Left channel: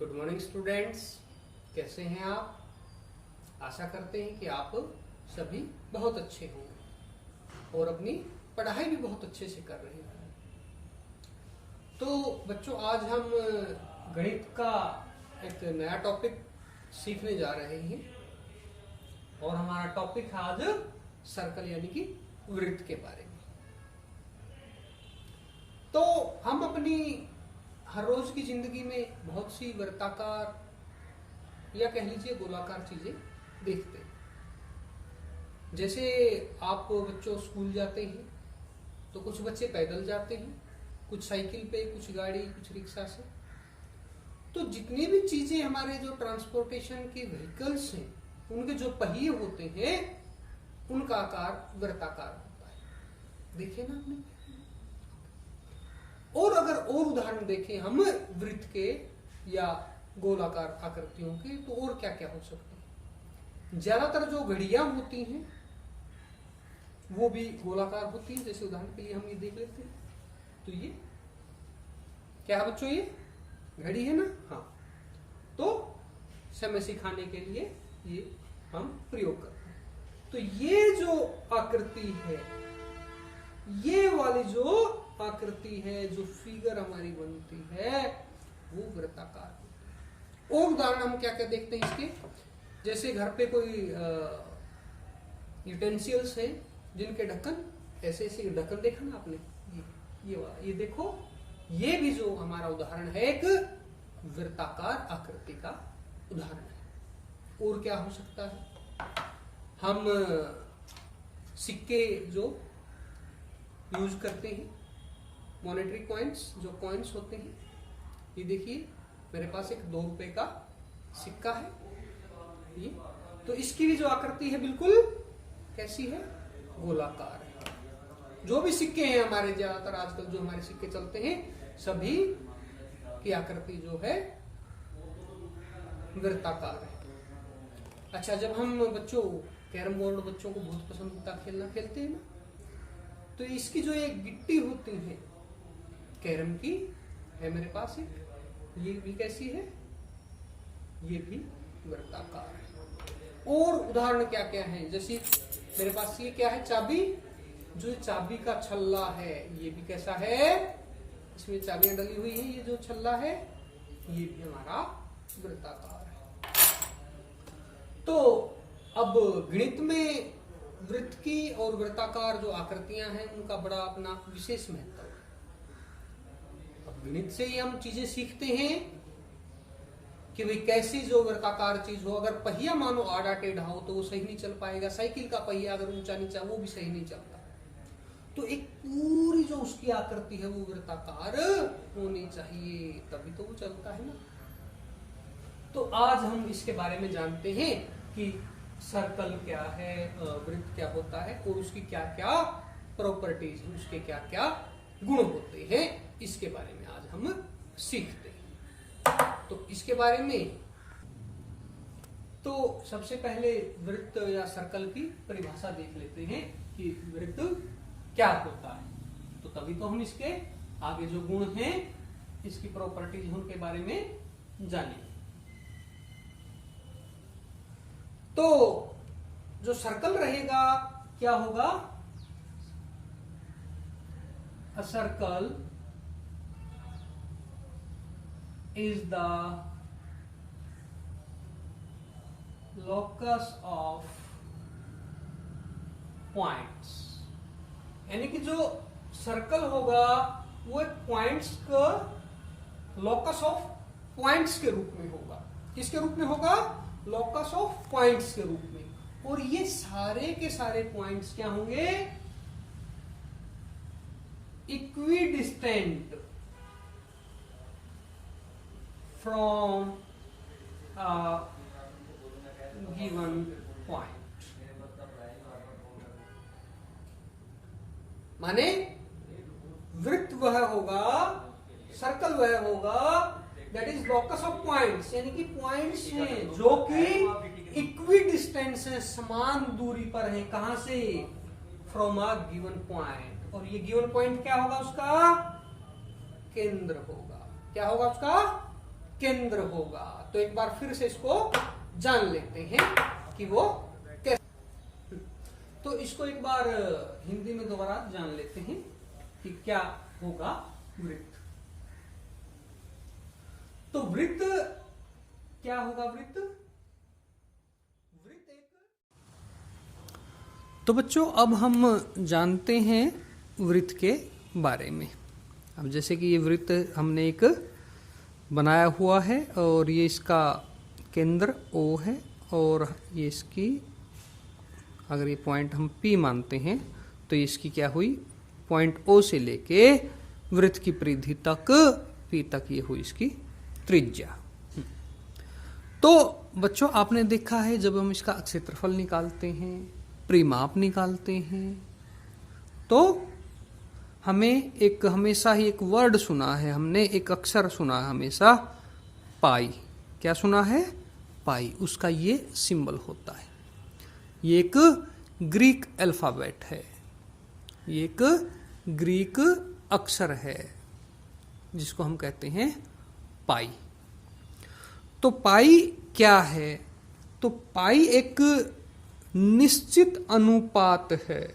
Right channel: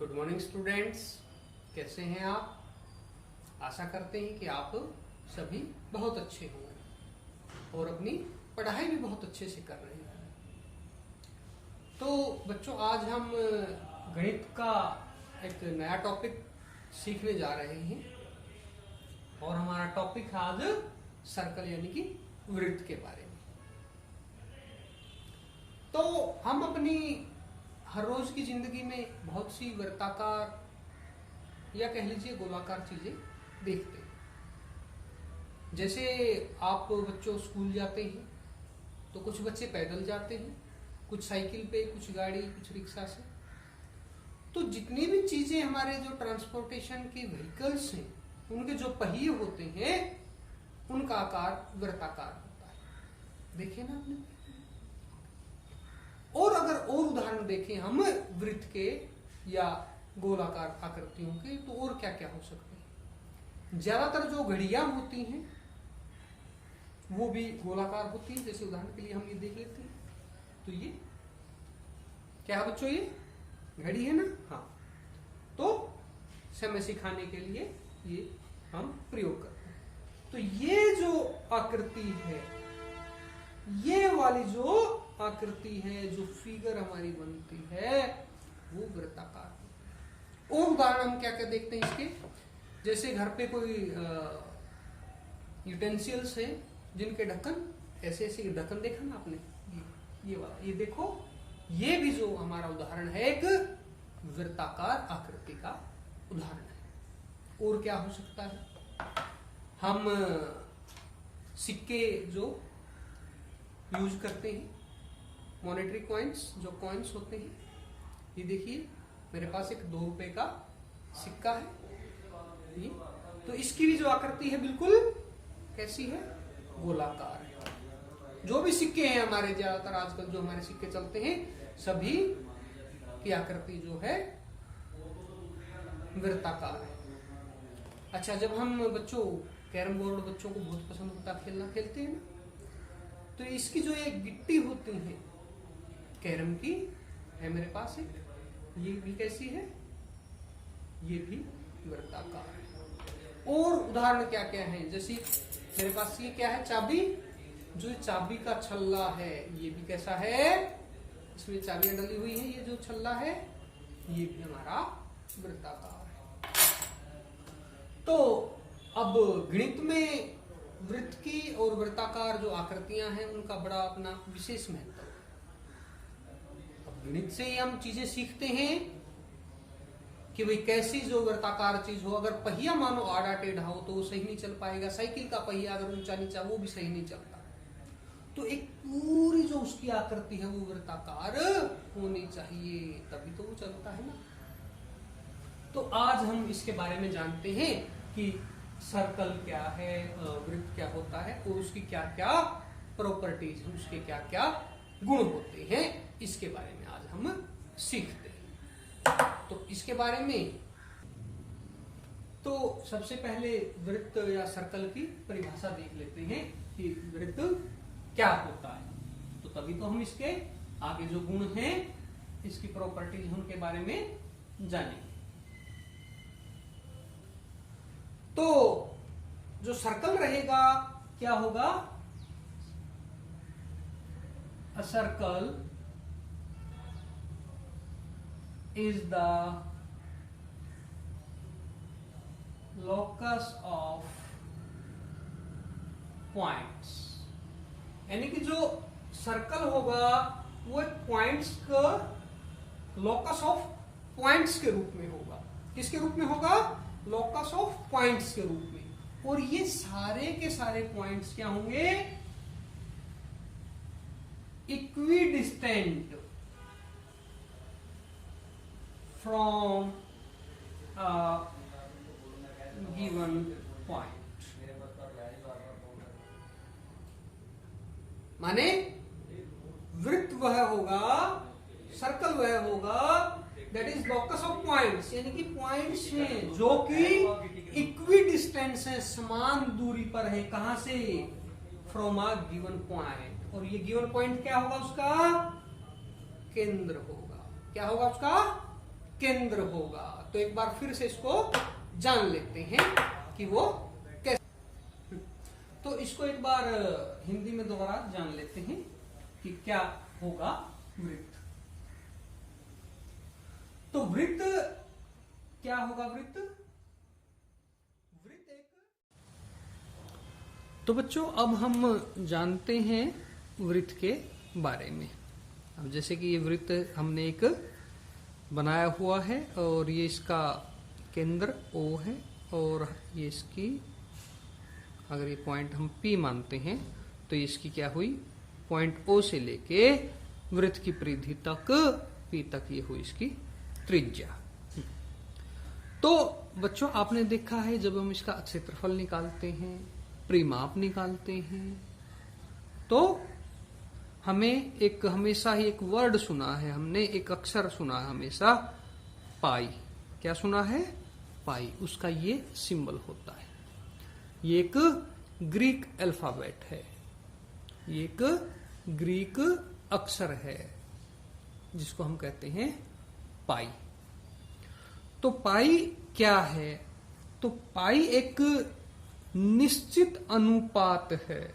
Good morning students, कैसे हैं आप? आशा करते हैं कि आप सभी बहुत अच्छे होंगे और अपनी पढ़ाई भी बहुत अच्छे से कर रहे हैं। तो बच्चों, आज हम गणित का एक नया टॉपिक सीखने जा रहे हैं और हमारा टॉपिक है आज सर्कल यानी कि वृत्त के बारे में। तो हम अपनी हर रोज की जिंदगी में बहुत सी वृत्ताकार या कह लीजिए गोलाकार चीजें देखते हैं। जैसे आप बच्चों स्कूल जाते हैं तो कुछ बच्चे पैदल जाते हैं, कुछ साइकिल पे, कुछ गाड़ी, कुछ रिक्शा से। तो जितनी भी चीजें हमारे जो ट्रांसपोर्टेशन के व्हीकल्स हैं, उनके जो पहिए होते हैं उनका आकार वृत्ताकार होता है। देखे ना आपने? और अगर और उदाहरण देखें हम वृत्त के या गोलाकार आकृतियों के, तो और क्या क्या हो सकते हैं। ज्यादातर जो घड़ियां होती हैं वो भी गोलाकार होती हैं। जैसे उदाहरण के लिए हम ये देख लेते हैं, तो ये क्या है बच्चों? ये घड़ी है ना। हाँ, तो समय सिखाने के लिए ये हम प्रयोग करते हैं। तो ये जो आकृति है, ये वाली जो आकृति है, जो फिगर हमारी बनती है, वो वृत्ताकार है। और उदाहरण हम क्या क्या देखते हैं इसके। जैसे घर पे कोई यूटेंसिल्स हैं जिनके ढक्कन ऐसे ऐसे ढक्कन देखा ना आपने, ये वाला, ये देखो, ये भी जो हमारा उदाहरण है एक वृत्ताकार आकृति का उदाहरण है। और क्या हो सकता है? हम सिक्के जो यूज करते हैं, मॉनेटरी कॉइन्स, जो कॉइन्स होते हैं, ये देखिए मेरे पास एक 2 रुपए का सिक्का है ये। तो इसकी भी जो आकृति है बिल्कुल कैसी है? गोलाकार है। जो भी सिक्के हैं हमारे, ज्यादातर आजकल जो हमारे सिक्के चलते हैं, सभी की आकृति जो है वृत्ताकार है। अच्छा, जब हम बच्चों कैरम बोर्ड बच्चों को बहुत पसंद होता है खेलना, खेलते हैं ना, तो इसकी जो एक गिट्टी होती है कैरम की, है मेरे पास एक, ये भी कैसी है? ये भी वृत्ताकार है। और उदाहरण क्या क्या है? जैसे मेरे पास ये क्या है? चाबी। जो चाबी का छल्ला है, ये भी कैसा है? इसमें चाबियां डली हुई है, ये जो छल्ला है ये भी हमारा वृत्ताकार है। तो अब गणित में वृत्त की और वृत्ताकार जो आकृतियां हैं उनका बड़ा अपना विशेष महत्व है। अब गणित से ही हम चीजें सीखते हैं कि भाई कैसी जो वृत्ताकार चीज हो, अगर पहिया मानो आड़ा टेढ़ा हो तो वो सही नहीं चल पाएगा। साइकिल का पहिया अगर ऊंचा नीचा, वो भी सही नहीं चलता। तो एक पूरी जो उसकी आकृति है वो वृत्ताकार होनी चाहिए, तभी तो वो चलता है ना। तो आज हम इसके बारे में जानते हैं कि सर्कल क्या है, वृत्त क्या होता है और उसकी क्या क्या प्रॉपर्टीज है, उसके क्या क्या गुण होते हैं, इसके बारे में आज हम सीखते हैं। तो इसके बारे में तो सबसे पहले वृत्त या सर्कल की परिभाषा देख लेते हैं कि वृत्त क्या होता है। तो तभी तो हम इसके आगे जो गुण हैं, इसकी प्रॉपर्टीज उनके बारे में जानेंगे। तो जो सर्कल रहेगा क्या होगा? अ circle is the locus of points. यानी कि जो सर्कल होगा वो एक पॉइंट्स का लोकस ऑफ पॉइंट्स के रूप में होगा। किसके रूप में होगा? लोकस ऑफ पॉइंट्स के रूप में। और ये सारे के सारे पॉइंट्स क्या होंगे? Equidistant from a given point. माने वृत्त वह होगा, सर्कल वह होगा, that is locus of points, यानी कि पॉइंट्स हैं जो कि इक्वी डिस्टेंस है, समान दूरी पर है। कहां से? From a given point. और ये गिवन पॉइंट क्या होगा? उसका केंद्र होगा। क्या होगा उसका? केंद्र होगा। तो एक बार फिर से इसको जान लेते हैं कि वो कैसे। तो इसको एक बार हिंदी में दोबारा जान लेते हैं कि क्या होगा वृत्त। तो वृत्त क्या होगा? वृत्त एक। तो बच्चों अब हम जानते हैं वृत्त के बारे में। अब जैसे कि ये वृत्त हमने एक बनाया हुआ है और ये इसका केंद्र O है और ये इसकी, अगर ये पॉइंट हम P मानते हैं तो ये इसकी क्या हुई, पॉइंट O से लेके वृत्त की परिधि तक P तक ये हुई इसकी त्रिज्या। तो बच्चों आपने देखा है जब हम इसका क्षेत्रफल निकालते हैं, परिमाप निकालते हैं, तो हमें एक हमेशा ही एक वर्ड सुना है, हमने एक अक्षर सुना है हमेशा, पाई। क्या सुना है? पाई। उसका ये सिंबल होता है। ये एक ग्रीक अल्फाबेट है, ये एक ग्रीक अक्षर है जिसको हम कहते हैं पाई। तो पाई क्या है? तो पाई एक निश्चित अनुपात है।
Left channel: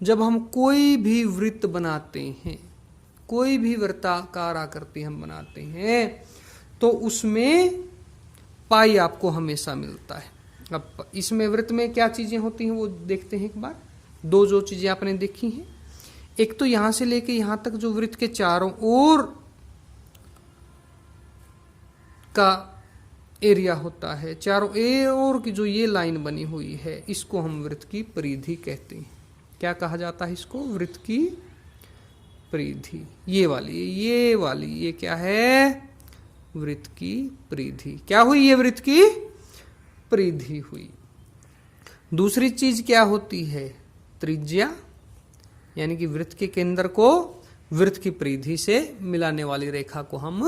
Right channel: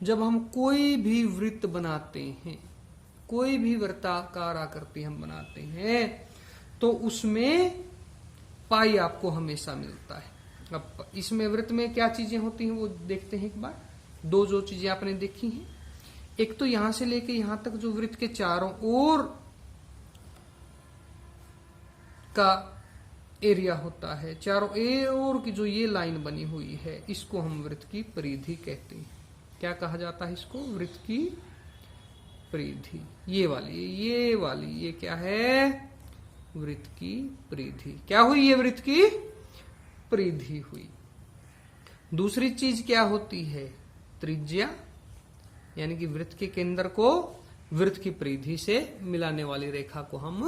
जब हम कोई भी वृत्त बनाते हैं, कोई भी वृत्ताकार आकृति हम बनाते हैं, तो उसमें पाई आपको हमेशा मिलता है। अब इसमें वृत्त में क्या चीजें होती हैं वो देखते हैं एक बार। दो जो चीजें आपने देखी हैं, एक तो यहां से लेके यहां तक जो वृत्त के चारों ओर का एरिया होता है, चारों ओर की जो ये लाइन बनी हुई है, इसको हम वृत्त की परिधि कहते हैं। क्या कहा जाता है इसको? वृत्त की परिधि। ये वाली ये क्या है? वृत्त की परिधि। क्या हुई? ये वृत्त की परिधि हुई। दूसरी चीज क्या होती है? त्रिज्या, यानी कि वृत्त के केंद्र को वृत्त की परिधि से मिलाने वाली रेखा को हम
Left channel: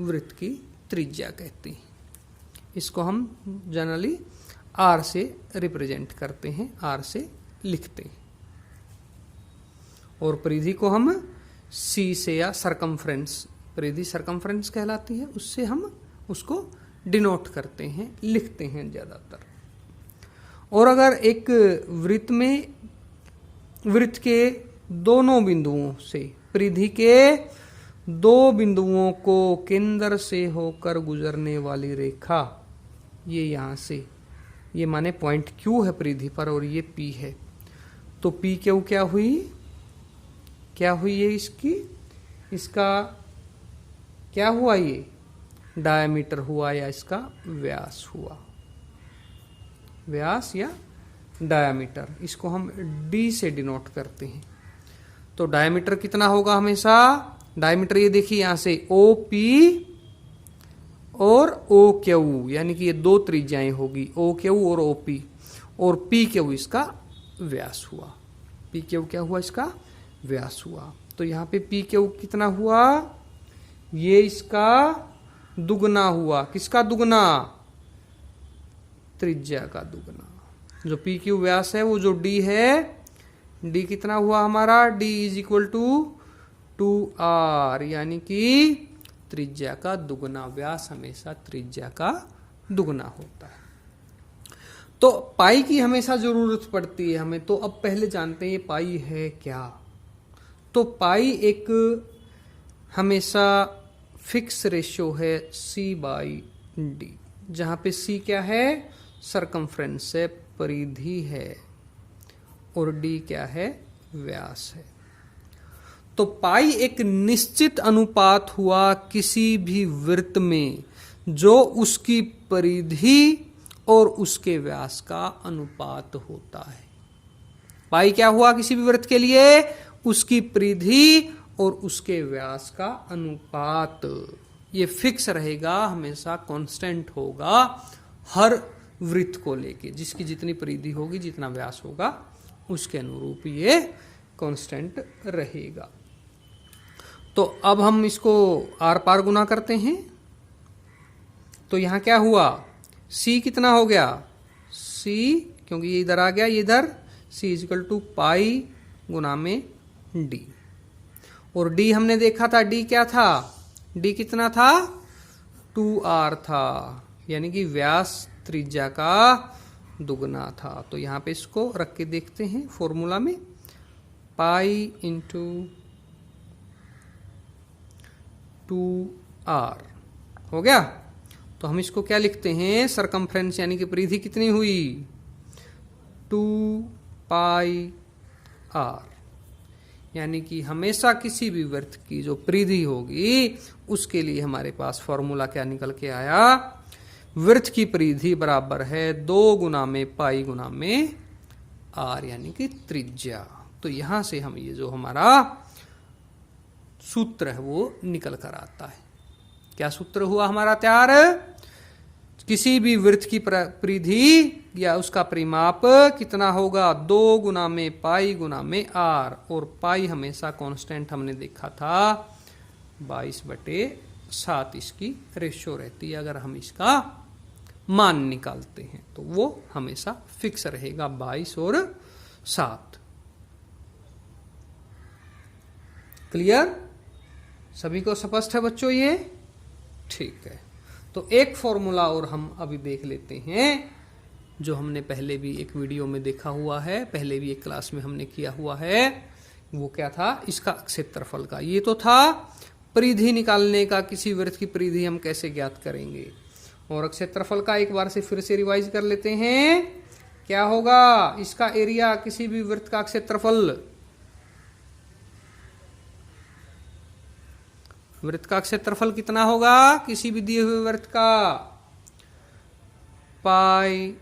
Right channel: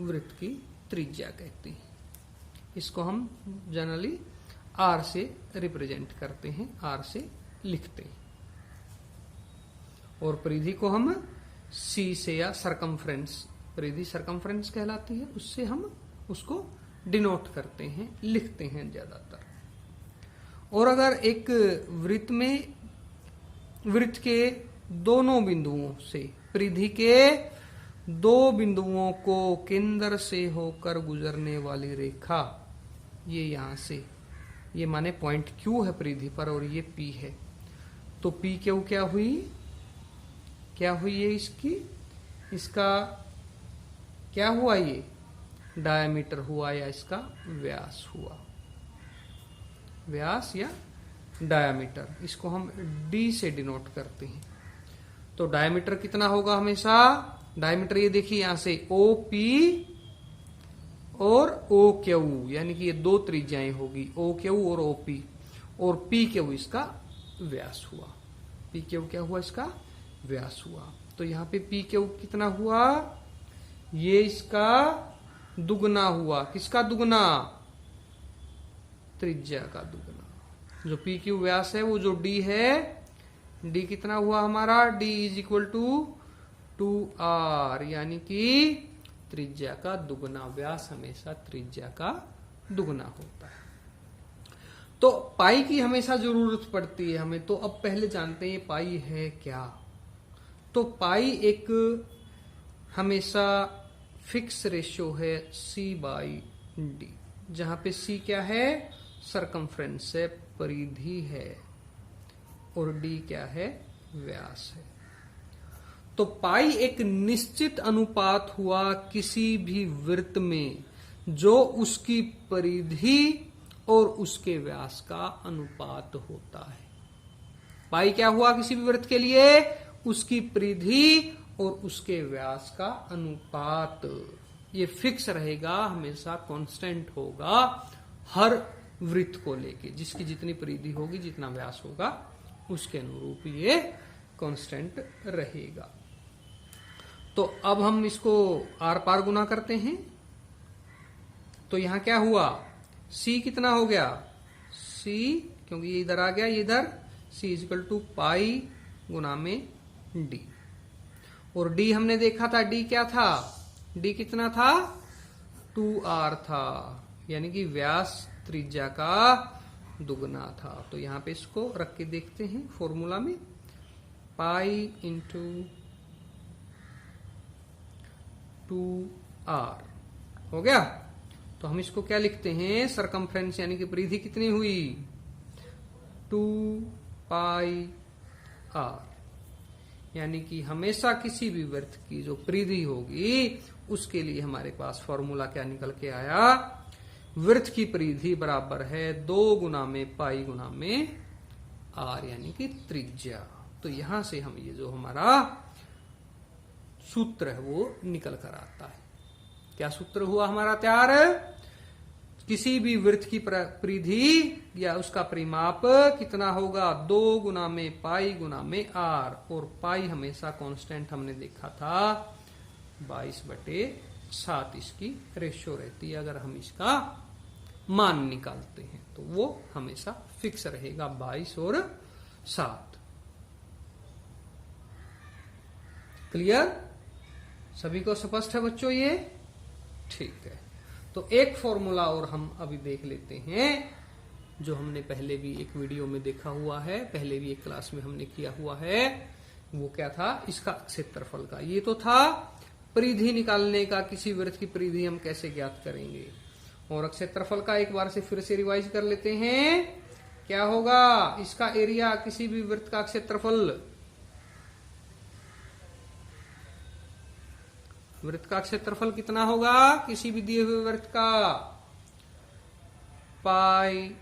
वृत्त की त्रिज्या कहते हैं। इसको हम जनरली R से रिप्रेजेंट करते हैं, R से लिखते हैं। और परिधि को हम C से या सरकमफ्रेंस, परिधि सरकमफ्रेंस कहलाती है, उससे हम उसको डिनोट करते हैं, लिखते हैं ज्यादातर। और अगर एक वृत्त में वृत्त के दोनों बिंदुओं से, परिधि के दो बिंदुओं को केंद्र से होकर गुजरने वाली रेखा, ये यहां से, ये माने पॉइंट Q है परिधि पर और ये P है, तो P Q क्या हुई? क्या हुई ये इसकी? इसका क्या हुआ? ये डायमीटर हुआ या इसका व्यास हुआ, व्यास या डायमीटर। इसको हम D से डिनोट करते हैं। तो डायमीटर कितना होगा हमेशा? डायमीटर ये देखिए यहां से OP और OQ, यानी कि ये दो त्रिज्याएं होगी, OQ और OP, और PQ इसका व्यास हुआ। PQ क्या हुआ? इसका व्यास हुआ। तो यहाँ पे PQ कितना हुआ? ये इसका दुगना हुआ। किसका दुगना? त्रिज्या का दुगना। जो PQ व्यास है वो जो D है, D कितना हुआ हमारा? D is equal to 2R, यानी कि त्रिज्या का दुगना। व्यास हमेशा त्रिज्या का दुगना होता है। तो पाई की हमेशा जरूरत पड़ती है हमें। तो अब पहले जानते हैं पाई है क्या। तो पाई एक हमेशा फिक्स रेशियो है C/D, जहां पे C क्या है? सरकमफ्रेंस है, परिधि है, और D क्या है? व्यास है। तो पाई एक निश्चित अनुपात हुआ किसी भी वृत्त में जो उसकी परिधि और उसके व्यास का अनुपात होता है। पाई क्या हुआ किसी भी वृत्त के लिए? उसकी परिधि और उसके व्यास का अनुपात। ये फिक्स रहेगा, हमेशा कांस्टेंट होगा हर वृत्त को लेके। जिसकी जितनी परिधि होगी, जितना व्यास होगा, उसके अनुरूप ये कांस्टेंट रहेगा। तो अब हम इसको आर पार गुना करते हैं। तो यहां क्या हुआ? C कितना हो गया? C, क्योंकि ये इधर आ गया, ये इधर, C इजिकल टू पाई गुना में D। और D हमने देखा था, D क्या था? D कितना था? 2r था, यानी कि व्यास त्रिज्या का दुगना था। तो यहां पे इसको रख के देखते हैं फॉर्मूला में, पाई इंटू 2r हो गया। तो हम इसको क्या लिखते हैं, सरकमफ्रेंस यानी कि परिधि कितनी हुई, 2 पाई r, यानी कि हमेशा किसी भी वृत्त की जो परिधि होगी उसके लिए हमारे पास फॉर्मूला क्या निकल के आया, वृत्त की परिधि बराबर है 2 गुना में पाई गुना में r, यानी कि त्रिज्या। तो यहां से हम ये जो हमारा सूत्र है वो निकल कर आता है। क्या सूत्र हुआ हमारा तैयार, किसी भी वृत्त की परिधि या उसका परिमाप कितना होगा, 2 गुना में पाई गुना में r, और पाई हमेशा कांस्टेंट हमने देखा था 22/7 इसकी रेशियो रहती है। अगर हम इसका मान निकालते हैं तो वो हमेशा फिक्स रहेगा 22 और 7। क्लियर, सभी को स्पष्ट है बच्चों ये? ठीक है। तो एक फॉर्मूला और हम अभी देख लेते हैं जो हमने पहले भी एक वीडियो में देखा हुआ है, पहले भी एक क्लास में हमने किया हुआ है। वो क्या था, इसका क्षेत्रफल का। ये तो था परिधि निकालने का, किसी वृत्त की परिधि हम कैसे ज्ञात करेंगे। और क्षेत्रफल का एक बार से फिर से रिवाइज कर लेते हैं। क्या होगा, इसका एरिया, किसी भी वृत्त का क्षेत्रफल, वृत्त का क्षेत्रफल कितना होगा किसी भी दिए हुए वृत्त का, पाई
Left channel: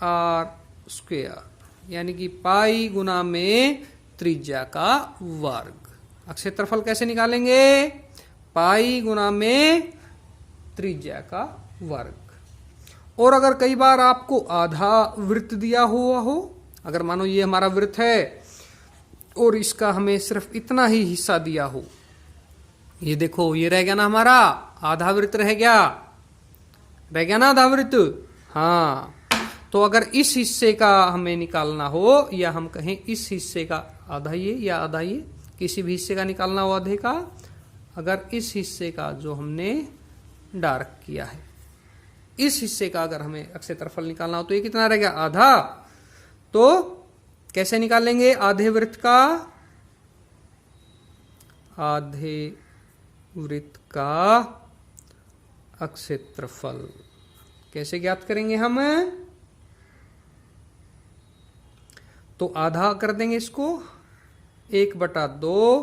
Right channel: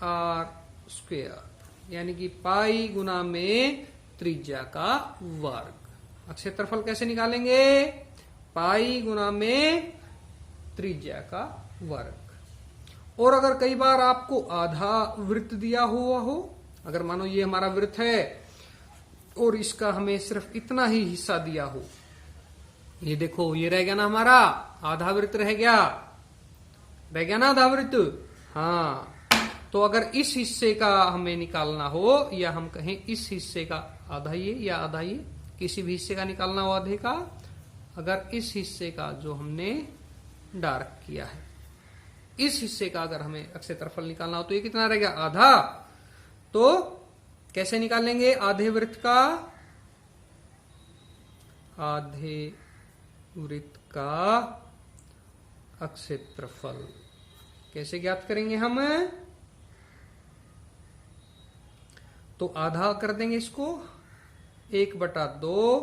r स्क्वायर, यानी कि पाई गुना में त्रिज्या का वर्ग। क्षेत्रफल कैसे निकालेंगे, पाई गुना में त्रिज्या का वर्ग। और अगर कई बार आपको आधा वृत्त दिया हुआ हो, अगर मानो ये हमारा वृत्त है और इसका हमें सिर्फ इतना ही हिस्सा दिया हो, ये देखो ये रह गया ना हमारा आधा वृत्त, रह गया ना आधा वृत्त। हाँ, तो अगर इस हिस्से का हमें निकालना हो, या हम कहें इस हिस्से का आधा ये या आधा ये, किसी भी हिस्से का निकालना हो आधे का, अगर इस हिस्से का जो हमने डार्क किया है, इस हिस्से का अगर हमें क्षेत्रफल निकालना हो तो ये कितना रह गया, आधा। तो कैसे निकालेंगे आधे वृत्त का, आधे वृत्त का क्षेत्रफल कैसे ज्ञात करेंगे हम, तो आधा कर देंगे इसको, 1/2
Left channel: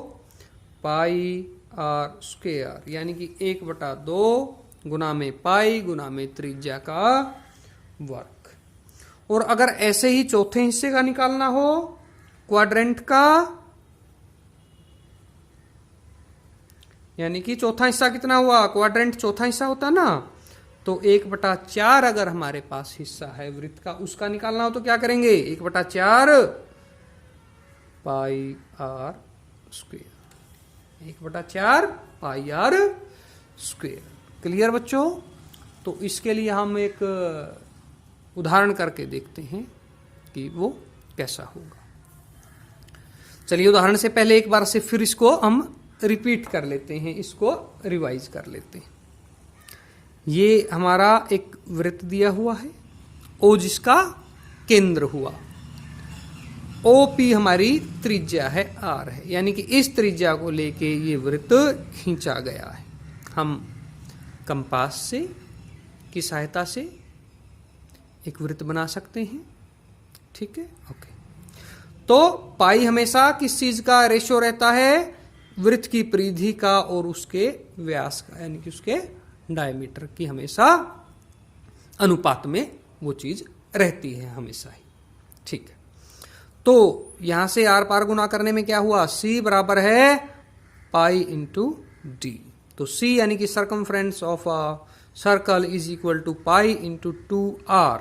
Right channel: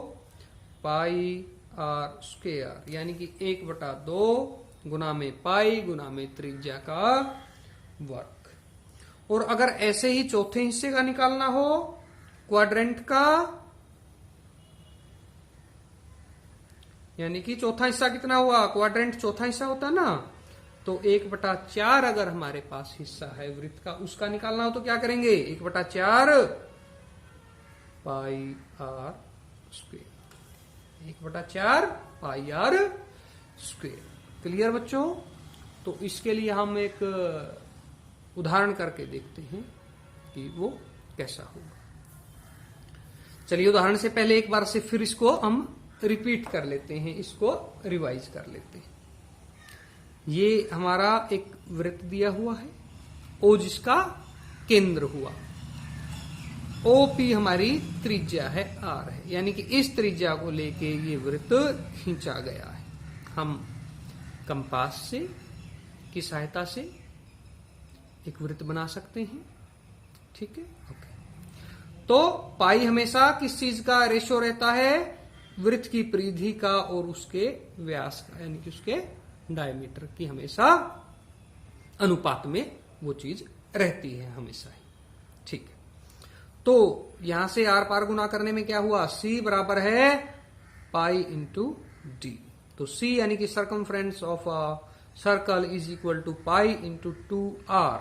पाई r स्क्वायर, यानी कि 1/2 गुना में पाई गुना में त्रिज्या का वर्ग। और अगर ऐसे ही चौथे हिस्से का निकालना हो, क्वाड्रेंट का, यानी कि चौथा हिस्सा कितना हुआ, क्वाड्रेंट चौथा हिस्सा होता ना, तो 1/4 अगर हमारे पास हिस्सा है वृत्त का, उसका निकालना हो तो क्या करेंगे, 1/4 पाई r स्क्वायर, 1/4 पाई r स्क्वायर। क्लियर बच्चों? तो इसके लिए हम एक उदाहरण करके देखते हैं कि वो कैसा होगा। चलिए उदाहरण से पहले एक बार से फिर इसको हम रिपीट कर लेते हैं, इसको रिवाइज कर लेते हैं। ये हमारा एक वृत्त दिया हुआ है, ओ जिसका केंद्र हुआ, OP हमारी त्रिज्या है R है, यानी कि इस त्रिज्या को लेके ये वृत्त खींचा गया है। हम कंपास से की सहायता से एक वृत्त बना सकते हैं। ठीक है, ओके। तो पाई हमेशा किस चीज का रेशियो रहता है, वृत्त की परिधि का और उसके व्यास का, यानी कि उसके डायमीटर की हमेशा अनुपात में वो चीज रहती है हमेशा ही। ठीक है, तो यहां से आर पार गुना करने में क्या हुआ, C बराबर है पाई इंटू डी। तो C यानी कि circumference of a circle is equal to pi into 2r।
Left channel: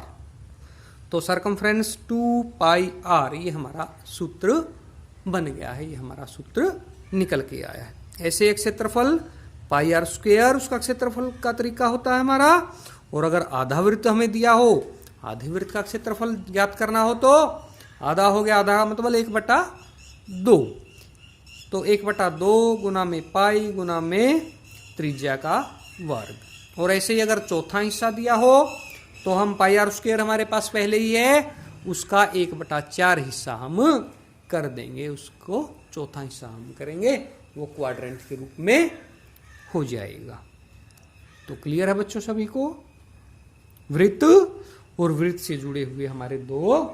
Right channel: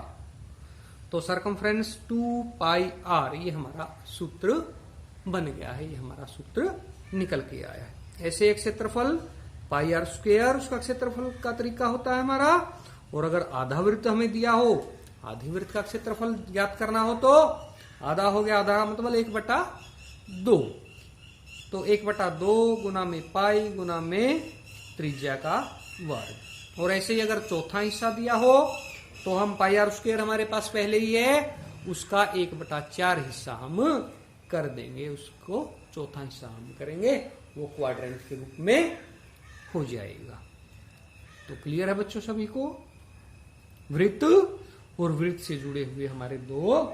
तो सर्कमफ्रेंस 2 पाई r, ये हमारा सूत्र बन गया है, ये हमारा सूत्र निकल के आया है। ऐसे एक क्षेत्रफल पाई r स्क्वायर, उसका क्षेत्रफल का तरीका होता है हमारा। और अगर आधा वृत्त हमें दिया हो, आधे वृत्त का क्षेत्रफल ज्ञात करना हो तो आधा हो गया, आधा मतलब 1/2। तो 1/2 गुना में पाई गुना में त्रिज्या का वर्ग, और ऐसे ही अगर चौथा हिस्सा दिया हो तो हम पाई आर स्क्वायर हमारे पास पहले ही है, उसका 1/4 हिस्सा हम कर देंगे, उसको चौथा हिस्सा हम करेंगे, वो क्वाड्रेंट के रूप में हो जाएगा। तो क्लियर है बच्चों सभी को? वृत्त और वृत्त से जुड़े हुए हमारे दो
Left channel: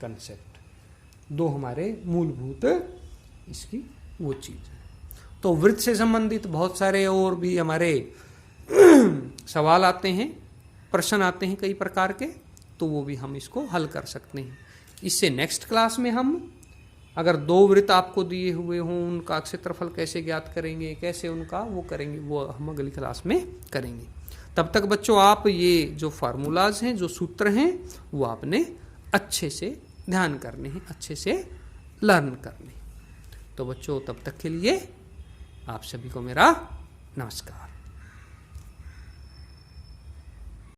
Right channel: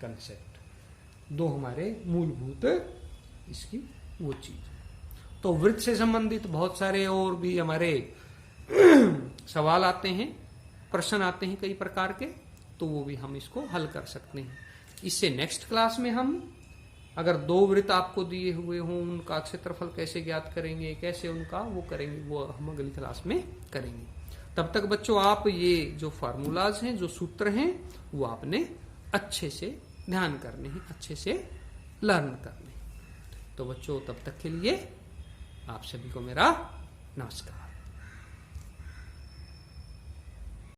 कंसेप्ट, दो हमारे मूलभूत इसकी वो चीज है। तो वृत्त से संबंधित बहुत सारे और भी हमारे सवाल आते हैं, प्रश्न आते हैं कई प्रकार के, तो वो भी हम इसको हल कर सकते हैं। इससे नेक्स्ट क्लास में हम अगर दो वृत्त आपको दिए हुए हों, उनका क्षेत्रफल कैसे ज्ञात करेंगे, कैसे उनका वो करेंगे, वो हम अगली क्लास में करेंगे। तब तक बच्चों आप ये जो फार्मूलाज हैं, जो सूत्र हैं, वो आपने अच्छे से ध्यान करने हैं, अच्छे से लर्न करने हैं। तो बच्चों तब तक के लिए आप सभी को मेरा नमस्कार।